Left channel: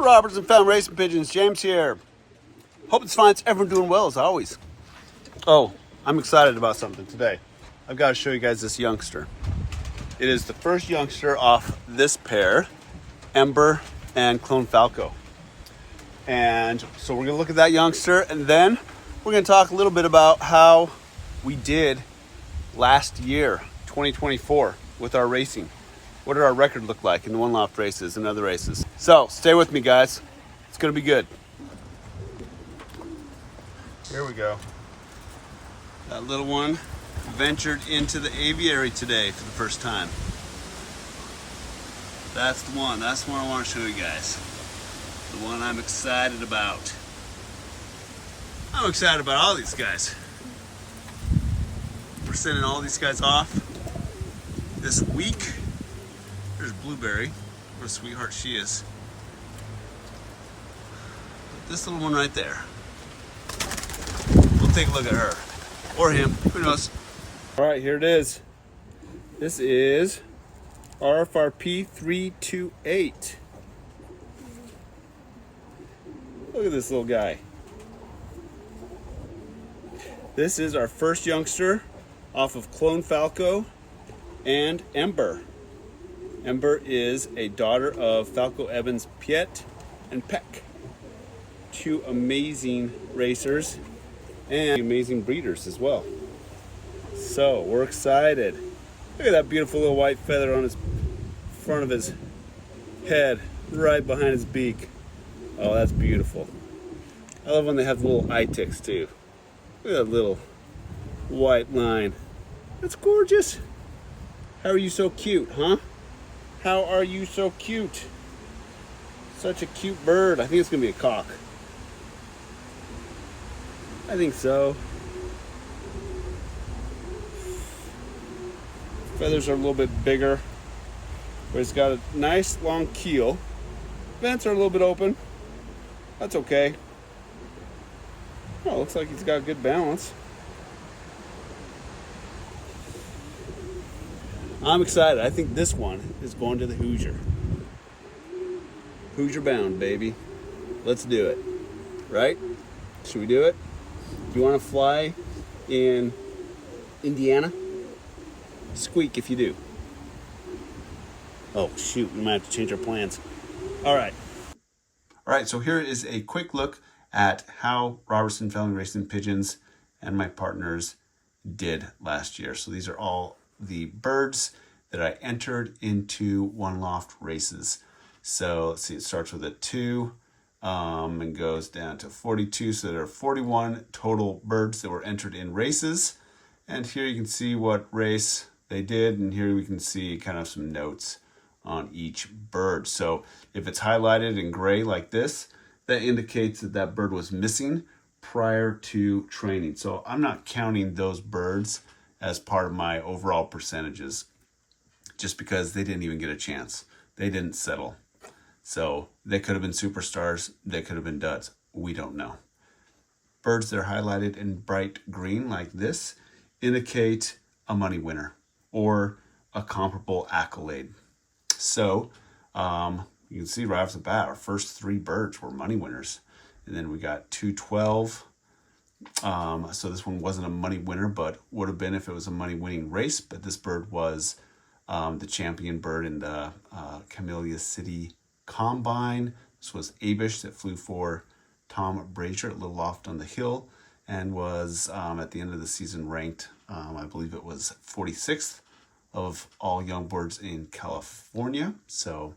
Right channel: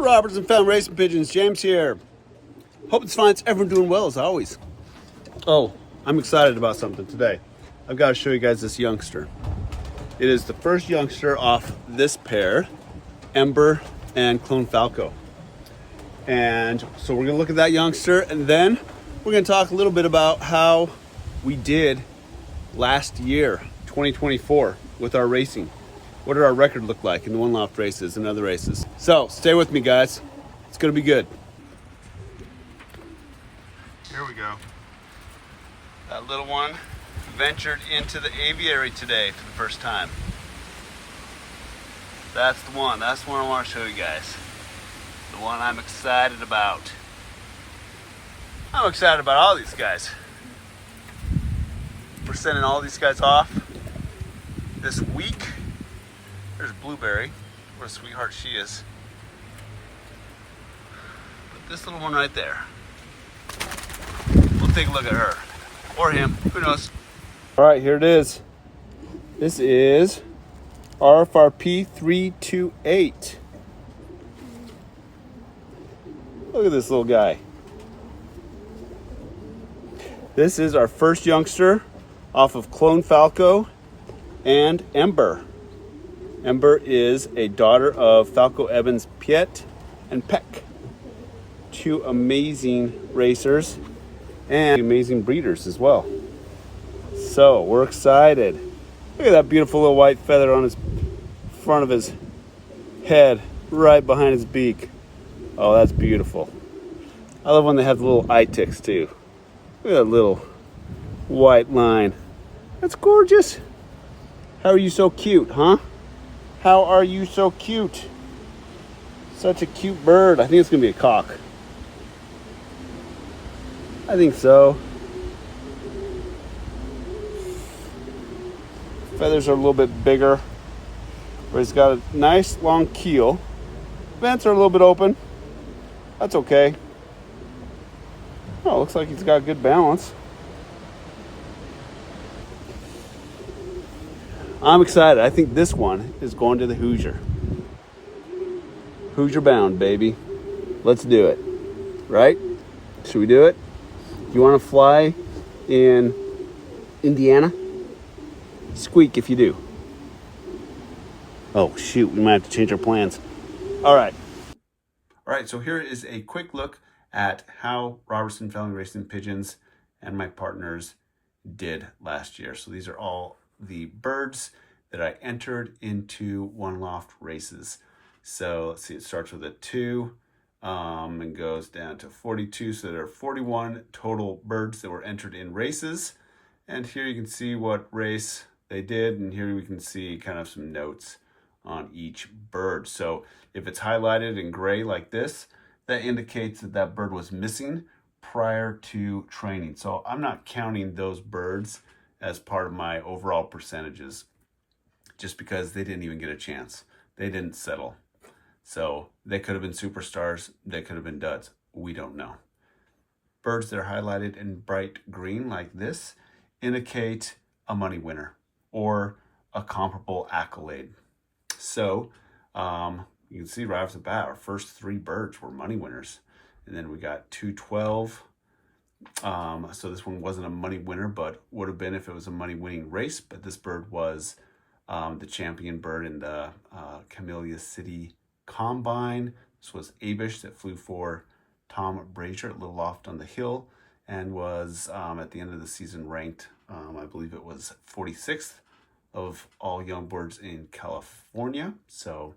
Robertson Family Racing Pigeons, James here. Hope it's fine. It's everyone doing well as always. Oh, I'm excited about something today. I've got to show you guys this youngster. It is the first youngster off this pair, Ember and Clone Falco. And so we're gonna look at that youngster, and then we're gonna talk a little bit about how we did last year, 2024, with our racing. What did our record look like in the one loft races and other races? So stay with me, guys. It's gonna be good. Here we go. That little one ventured into the aviary today for the first time. That's the one. That's the one I want to show you guys. The one I'm excited about. I'm excited about all these guys. We're sending all these guys off this week. There's Blueberry. What a sweetheart she is. But this little one right there. We'll take a look at her. Or him. Who knows? Alright, here it is. This is RFRP 328. Look at this little guy. This is our first youngster off of Clone Falco and Ember. Ember is a daughter of Falco Evans Piet and Peck. Two amazing racers and amazing breeders as well. So we're excited. Look at that beautiful little white feather on his front of his head, right behind his beak. Oh, that's beautiful. I love when they have the little eye ticks too. Look at that little white line. That's gorgeous. How are you so cute, huh? How are you so cute? Such a cute bird. I think it's gonna be a cock. I think so. Feathers are a little bit bigger, but he's got a nice long keel. Vents are a little bit open. That's okay. Oh, looks like he's got good balance. I'm excited. I think this one is going to the Hoosier. Hoosier bound, baby. Let's do it. Right? Should we do it? Do you want to fly in Indiana? Squeak if you do. Oh, shoot. We might have to change our plans. All right. All right, so here is a quick look at how Robertson Family Racing Pigeons and my partners did last year. So these are all the birds that I entered into one loft races. So let's see, it starts with a 2 and goes down to 42. So there are 41 total birds that were entered in races. And here you can see what race they did. And here we can see kind of some notes on each bird. So if it's highlighted in gray like this, that indicates that that bird was missing prior to training. So I'm not counting those birds as part of my overall percentages just because they didn't even get a chance. They didn't settle. So they could have been superstars. They could have been duds. We don't know. Birds that are highlighted in bright green like this indicate a money winner or a comparable accolade. So you can see right off the bat, our first 3 birds were money winners. And then we got 212. So this one wasn't a money winner, but would have been if it was a money winning race. But this bird was the champion bird in the Camellia City Combine. This was Abish that flew for Tom Brazier at Little Loft on the Hill and was at the end of the season ranked, I believe it was 46th of all young birds in California. So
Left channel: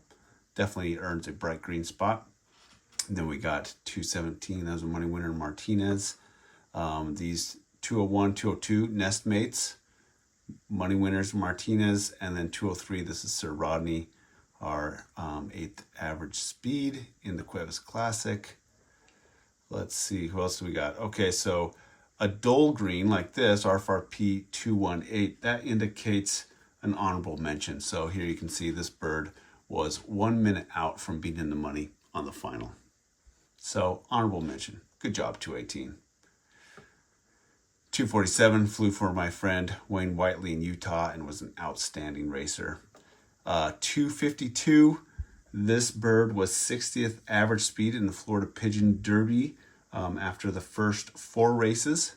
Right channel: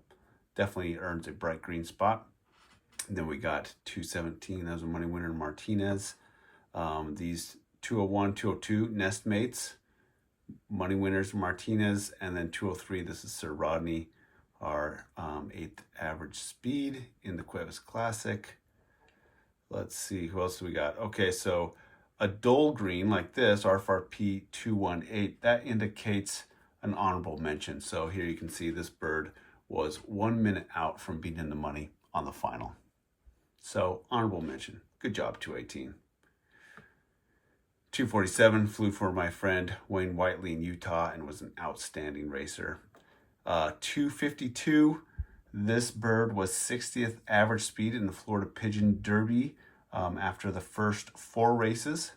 definitely earns a bright green spot. And then we got 217, that was a money winner, Martinez. These 201, 202 nest mates, money winners, Martinez. And then 203, this is Sir Rodney, our 8th average speed in the Cuevas Classic. Let's see, who else do we got? Okay, so a dull green like this, RFRP 218, that indicates an honorable mention. So here you can see this bird was 1 minute out from being in the money on the final. So honorable mention. Good job, 218. 247 flew for my friend Wayne Whiteley in Utah and was an outstanding racer. 252, This bird was 60th average speed in the Florida Pigeon Derby after the first 4 races.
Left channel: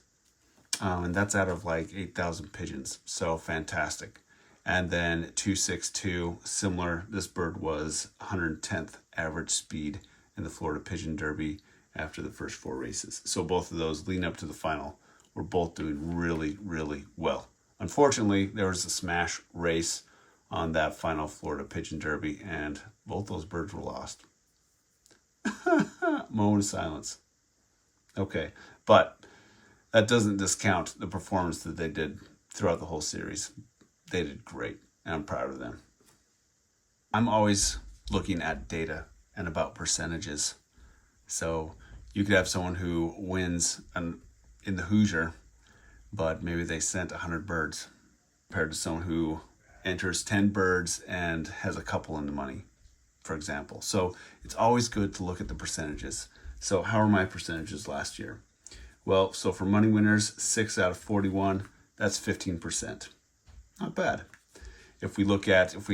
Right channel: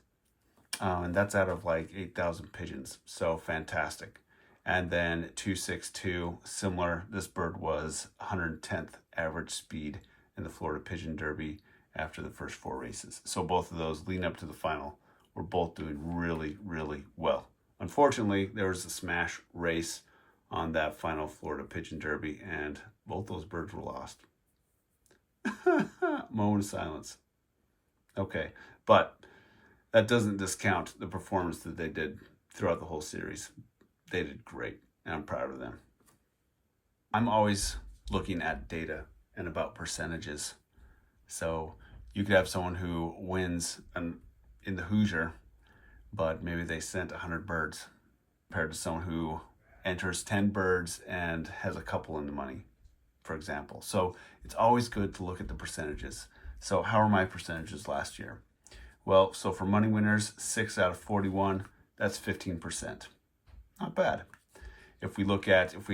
And that's out of like 8,000 pigeons. So fantastic. And then 262, similar. This bird was 110th average speed in the Florida Pigeon Derby after the first 4 races. So both of those leading up to the final were both doing really, really well. Unfortunately, there was a smash race on that final Florida Pigeon Derby, and both those birds were lost. Moment of silence. Okay, but that doesn't discount the performance that they did throughout the whole series. They did great, and I'm proud of them. I'm always looking at data and about percentages. So you could have someone who wins in the Hoosier, but maybe they sent 100 birds, compared to someone who enters 10 birds and has a couple in the money, for example. So it's always good to look at the percentages. So how are my percentages last year? Well, so for money winners, 6 out of 41, that's 15%. Not bad. If we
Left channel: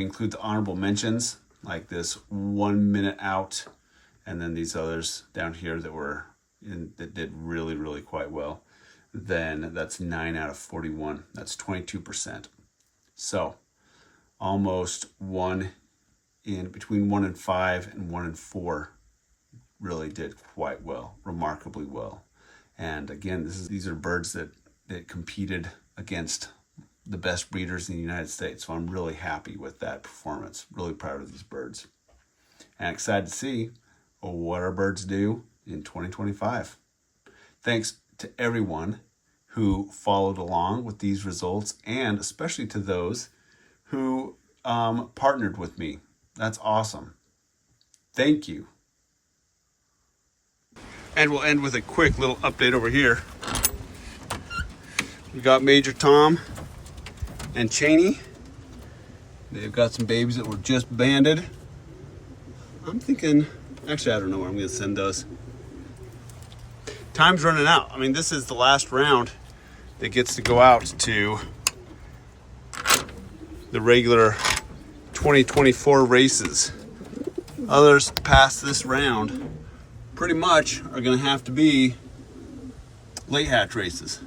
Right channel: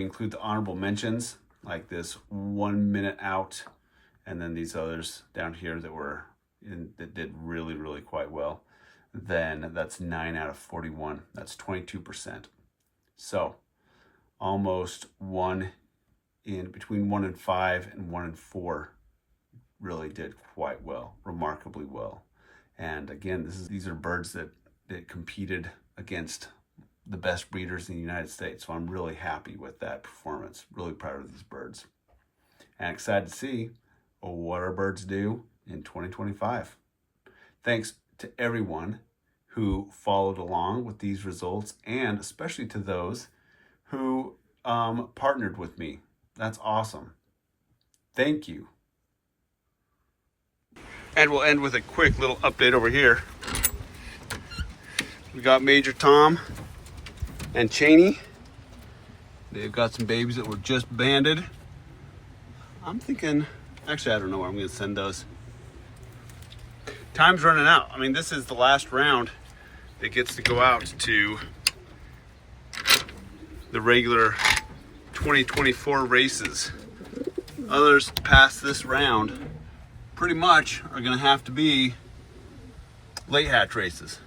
include the honorable mentions, like this 1 minute out, and then these others down here that did really, really quite well, then that's 9 out of 41. That's 22%. So almost between 1 and 5 and 1 and 4 really did quite well, remarkably well. And again, these are birds that competed against the best breeders in the United States. So I'm really happy with that performance. Really proud of these birds. And excited to see what our birds do in 2025. Thanks to everyone who followed along with these results, and especially to those who partnered with me. That's awesome. Thank you. And we'll end with a quick little update over here. We got Major Tom and Cheney. They've got some babies that were just banded. I'm thinking, actually, I don't know where I'm going to send those. Time's running out. I mean, this is the last round that gets to go out to the regular 2024 races. Others past this round pretty much are going to have to be late hatch races.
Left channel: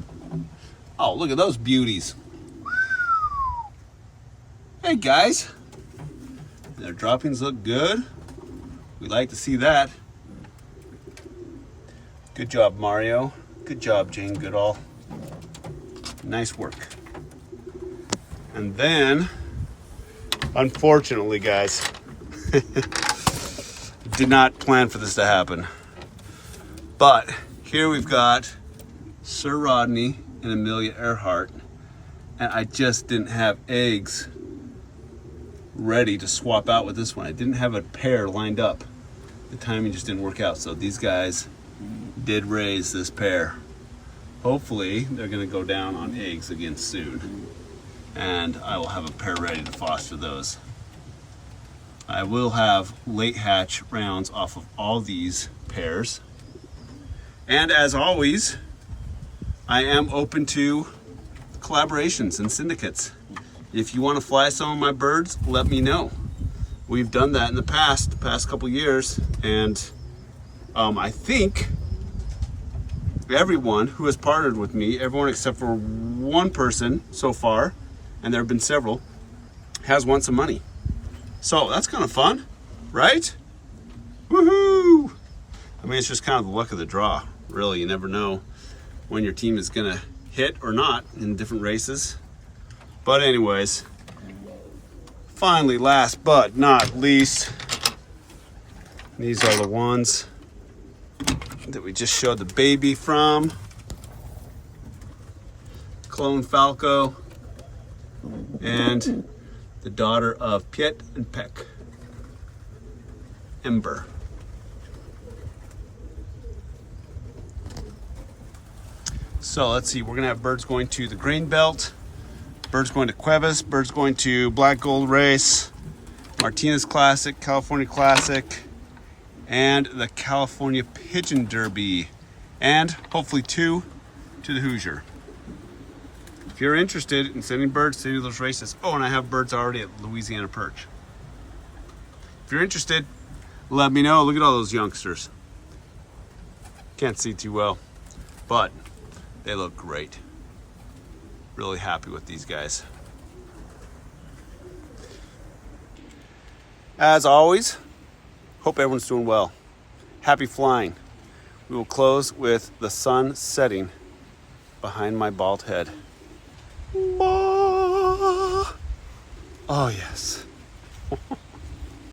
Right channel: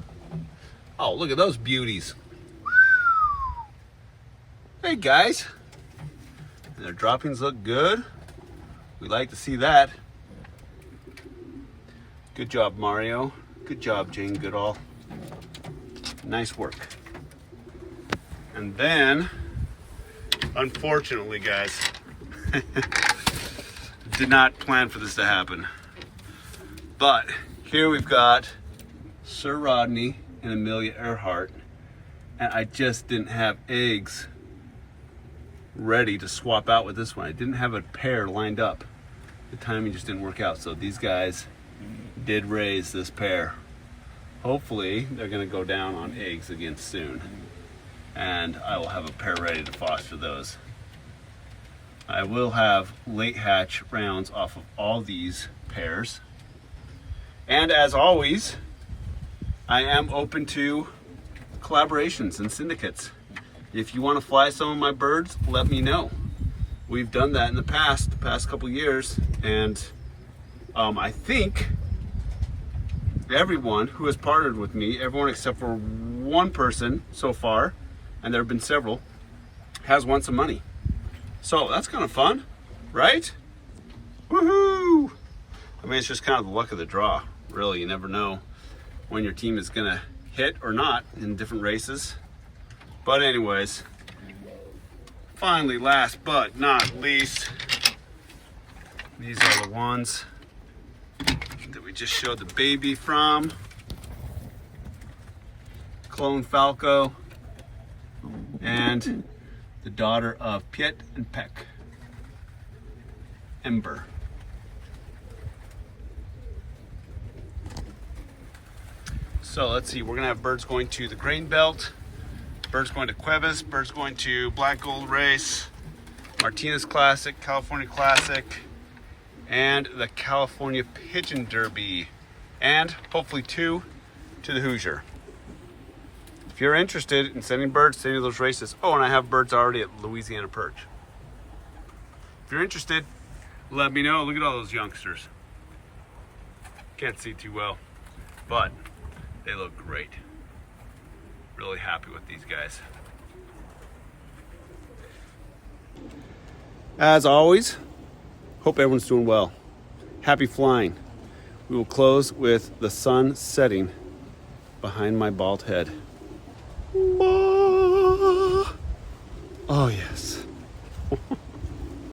Oh, look at those beauties. Hey guys, their droppings look good. We like to see that. Good job, Mario. Good job, Jane Goodall. Nice work. And then, unfortunately, guys, did not plan for this to happen. But here we've got Sir Rodney and Amelia Earhart, and I just didn't have eggs ready to swap out with this one. I didn't have a pair lined up. The timing just didn't work out. So these guys did raise this pair. Hopefully they're going to go down on eggs again soon, and I will have a pair ready to foster those. I will have late hatch rounds off of all these pairs. And as always, I am open to collaborations and syndicates. If you want to fly some of my birds, let me know. We've done that in the past couple years, and I think everyone who has partnered with me, everyone except for one person so far, and there have been several, has won some money. So that's kind of fun, right? Woohoo! I mean, it's just kind of the luck of the draw, really. You never know when your team is gonna hit or not in different races. But anyways, finally, last but not least, these are the ones that we just showed the baby from. Clone Falco and the daughter of Piet and Peck, Ember. So let's see, we're gonna have birds going to the Grain Belt, birds going to Cuevas, birds going to Black Gold Race, Martinez Classic, California Classic, and the California Pigeon Derby, and hopefully 2 to the Hoosier. If you're interested in sending birds to any of those races, oh, and I have birds already at Louisiana Perch. If you're interested, let me know. Look at all those youngsters. Can't see too well, but they look great. Really happy with these guys. As always, hope everyone's doing well. Happy flying. We will close with the sun setting behind my bald head. Oh yes.